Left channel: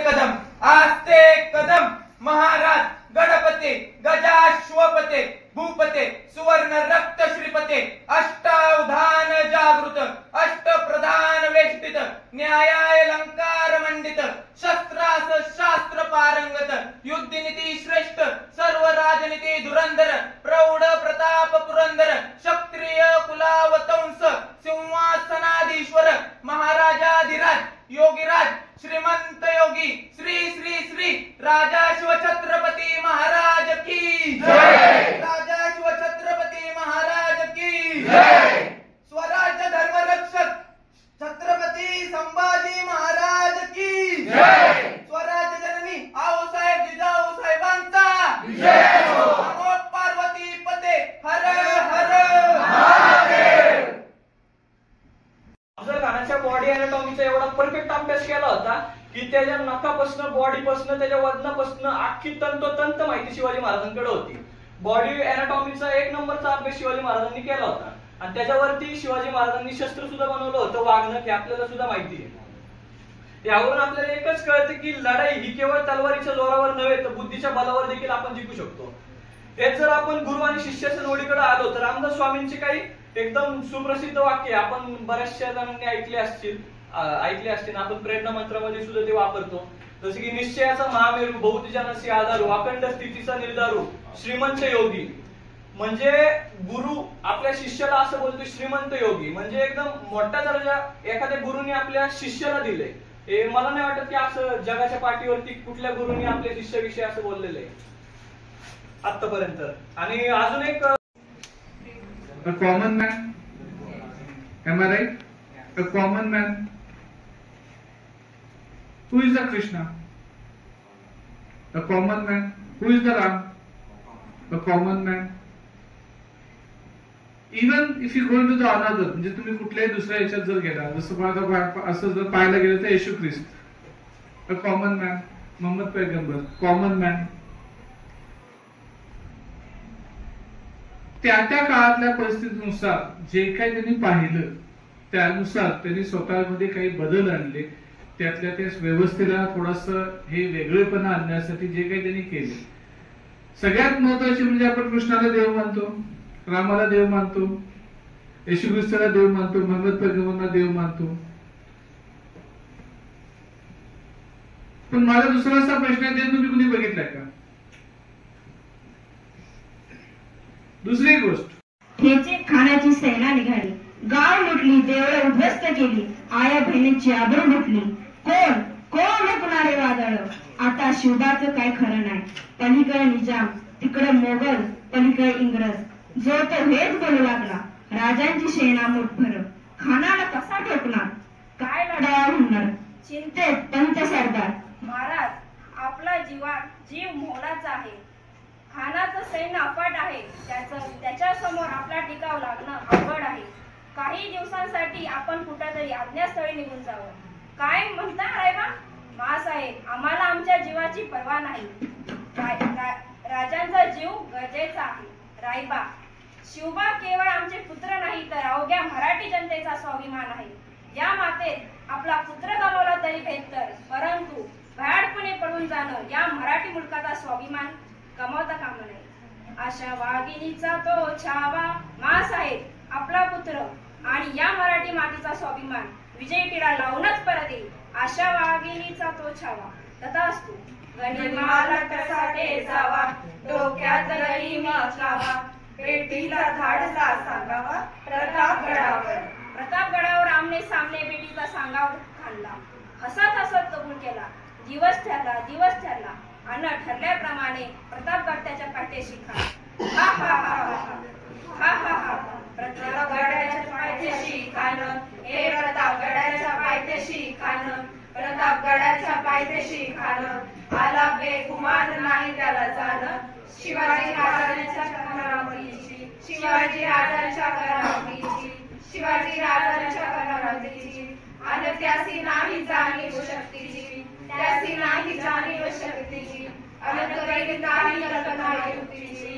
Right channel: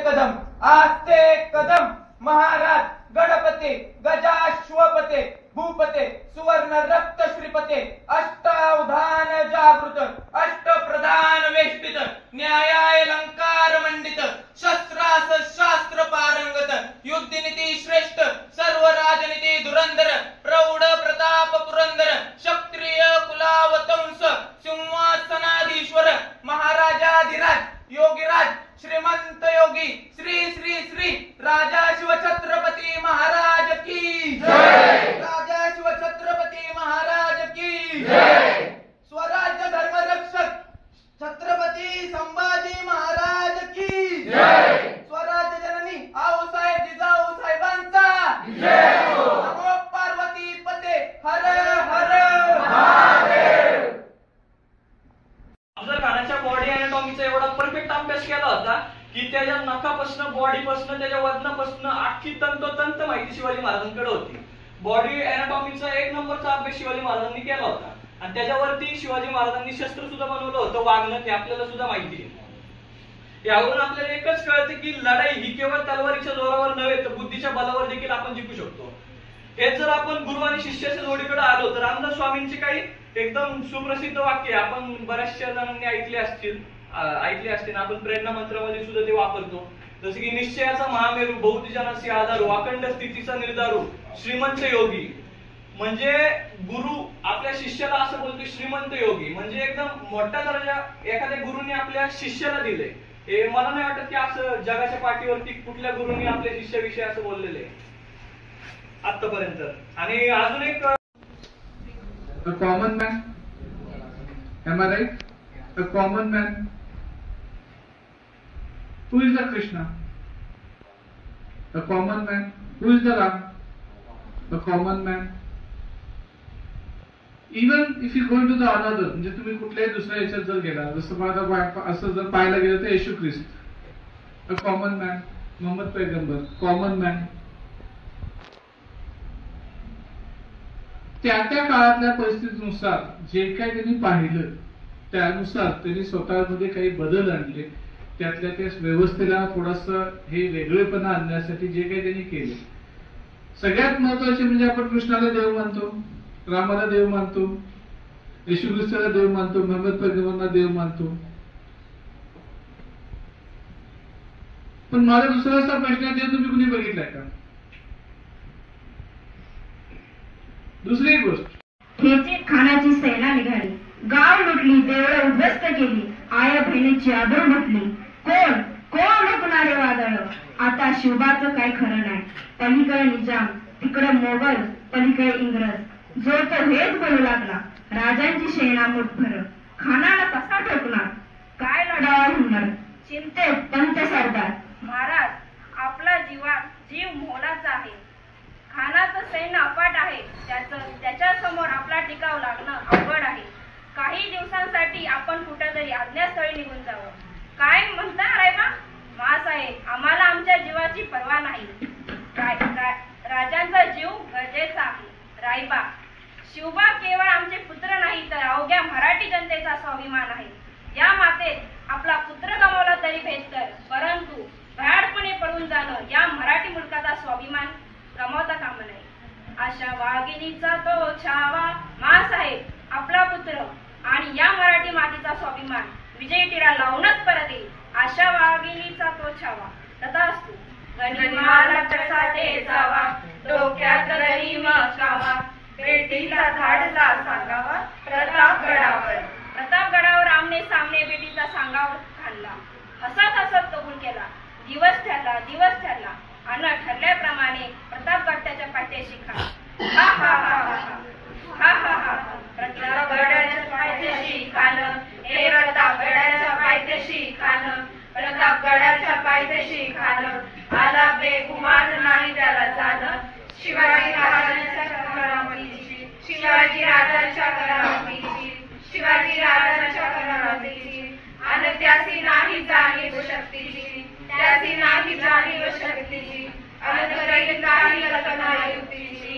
कदम आस्ते कदम महाराज गणपते गजाश्वपते भूपते सुवर्ण रक्त श्रीपते अष्टावधान जागृत अष्ट प्रधान वेष्टित न्यायाय अलंकार मंडित शस्त्रास शास्त्र पारंगत युद्धनीती श्रेष्ठ सर्व राजनीती धुरंधर प्रौढ प्रताप पुरंदर क्षत्रिय कुलावतंस सिंहासनाधीश्वर महाराजाधिराज योगीराज श्रीमंत योगी श्री श्री श्री राजा शिव छत्रपती महाराज की जय। राजा शिव छत्रपती महाराज की जय। स्वराज्य धर्म रक्षक छत्रपती संभाजी महाराज की जय। स्वराज्य जननी आऊसाहेब जिजाऊ साहेबांचा जय हो। नमो पार्वती पते हर हर महादेव। अफजल खानाच्या बॉडी अॅनाटॉमीचा एवढा परफेक्ट अभ्यास केला होता की त्याच्या नखापासून बॉडीपासून त्याच्या वजनापासून अख्खी तंतोतंत माहिती शिवाजी महाराजांकडे होती। बॉडी अॅनाटॉमीचा एक नंबरचा अभ्यास शिवाजी महाराजांनी केला होता आणि त्याच्यावरती शिवाजी महाराजांनी शस्त्र सुद्धा बनवलं होतं वागणं हे आपल्याला सुद्धा माहिती आहे। यावरून आपल्याला एकच कळतं की लढाई ही केवळ तलवारीच्या जोरावर नव्हे तर बुद्धीच्या बलावर देखील आपण जिंकू शकतो। हेच जर आपण गुरु आणि शिष्याच्या जोडीकडे आलो तर रामदास स्वामींची काही एकदम सुप्रसिद्ध वाक्य आपण बऱ्याचशा जणांनी ऐकले असतील आपण प्रेरणा मंत्रामध्ये सुद्धा ते वापरतो। जसं की निश्चयाचा महामेरू बहुत जनासी आधारू अखंड स्थितीचा निर्धारू श्रीमंत योगी म्हणजे गुरु आपल्या शिष्याला असं बोलतो श्रीमंत योगी म्हणजे एकदम मोठा दर्जा एखाद्या गुरुनी आपल्या शिष्याला दिले। हे मला नाही वाटत की असं जगाच्या पाठीवरती कुठल्या गुरुनी आपल्या शिष्याविषयी असं बोललेलं आहे आतापर्यंत। आणि अजून एक A common man, am I right? A common man. Who is the Krishna? A common man. Who is the Ram? A common man. Even if you go into the another, म्हणजे तुम्ही कुठल्याही दुसऱ्या याच्यात जर गेला जसं आता असं जर पाहायला गेलं तर येशू ख्रिस्त a common man, मोहम्मद पैगंबर common man. त्या त्या काळातल्या परिस्थितीनुसार जे काही त्यांनी पाहिलं त्यानुसार त्यांनी स्वतःमध्ये काही बदल आणले त्यातल्या त्या व्यवस्थेला थोडंसं हे वेगळेपणा आणण्यासाठी जे काही त्यांनी केले। सगळ्यात महत्वाचे म्हणजे आपण कृष्णाला देव मानतो रामाला देव मानतो येशू ख्रिस्ताला देव मानतो मोहम्मद पैगंबरांना देव मानतो। पण माझा दुसरा असा प्रश्न आहे तुम्ही कुणी बघितलाय का? दुसरी गोष्ट खेचीत खानाची सेना निघाली गाव लुटली देवळं उद्ध्वस्त केली आया बहिणीची आबरू लुटली कोण कोण हुकणारे वादळ आता शिवबाचं काय खरं नाही पलीकडे निजाम तिकडे मोगल पलीकडे इंग्रज जो तो हेच बोलू लागला राजांची सेना मुठभर खानाला कसा ठोकणार काय लढावा होणार चिंतेत पंत सरदार महाराज आपला जीव मोलाचा आहे खानाचं सैन्य अफाट आहे त्याच्या समोर आपला टिकाव लागणं अवघड आहे। काही दिवसांसाठी आपण कुठेतरी अज्ञातस्थळी निघून जावं काय म्हणता रायबा? महासाहेब आम्हाला आमच्या जीवाची पर्वा नाही राजांचा जीव गरजेचा आहे। रायबा शिवबा केवळ आमचे पुत्र नाही तर अवघ्या मराठी जनतेचा स्वाभिमान आहे। या मातेत आपला पुत्र गमावला तरी बेहतर परंतु भयाडपणे पडून जाणं या मराठी मुलकाचा स्वाभिमान गमावता कामा नये। अशा वाघिणीचा तो छावा मासाहेब आपला पुत्र आणि या मराठी मातीचा स्वाभिमान विजयी टिळा लावूनच परत येईल। अशा वाघिणीचा तो छावा तथास्तु गनिमाला टसाटे जावा डोक्यात गरीम कावा बेटीचा धाडसा सांगावा प्रतापगडावर आमने सामने बेटीचा सांगावा खाल्ला हसत हसत कबूल केला। दिवस ठरला आणि ठरल्याप्रमाणे प्रतापगड त्याच्या पायथ्याशी खाला। हा हा हा हा हा हा प्रतापगडाच्या पायथ्याशी खाणं हे प्रतापगडाच्या पायथ्याशी खाणं प्रतापगडाच्या पायथ्याशी खाणं आला बेगुमान नाही त्याला जाणं शिवाजी राजांच्या करामतीची आणि त्यासी नाही जाणीव शक्तीची त्यासी नाही जाणीव शक्तीची अनंत काही कल्पना युक्तीची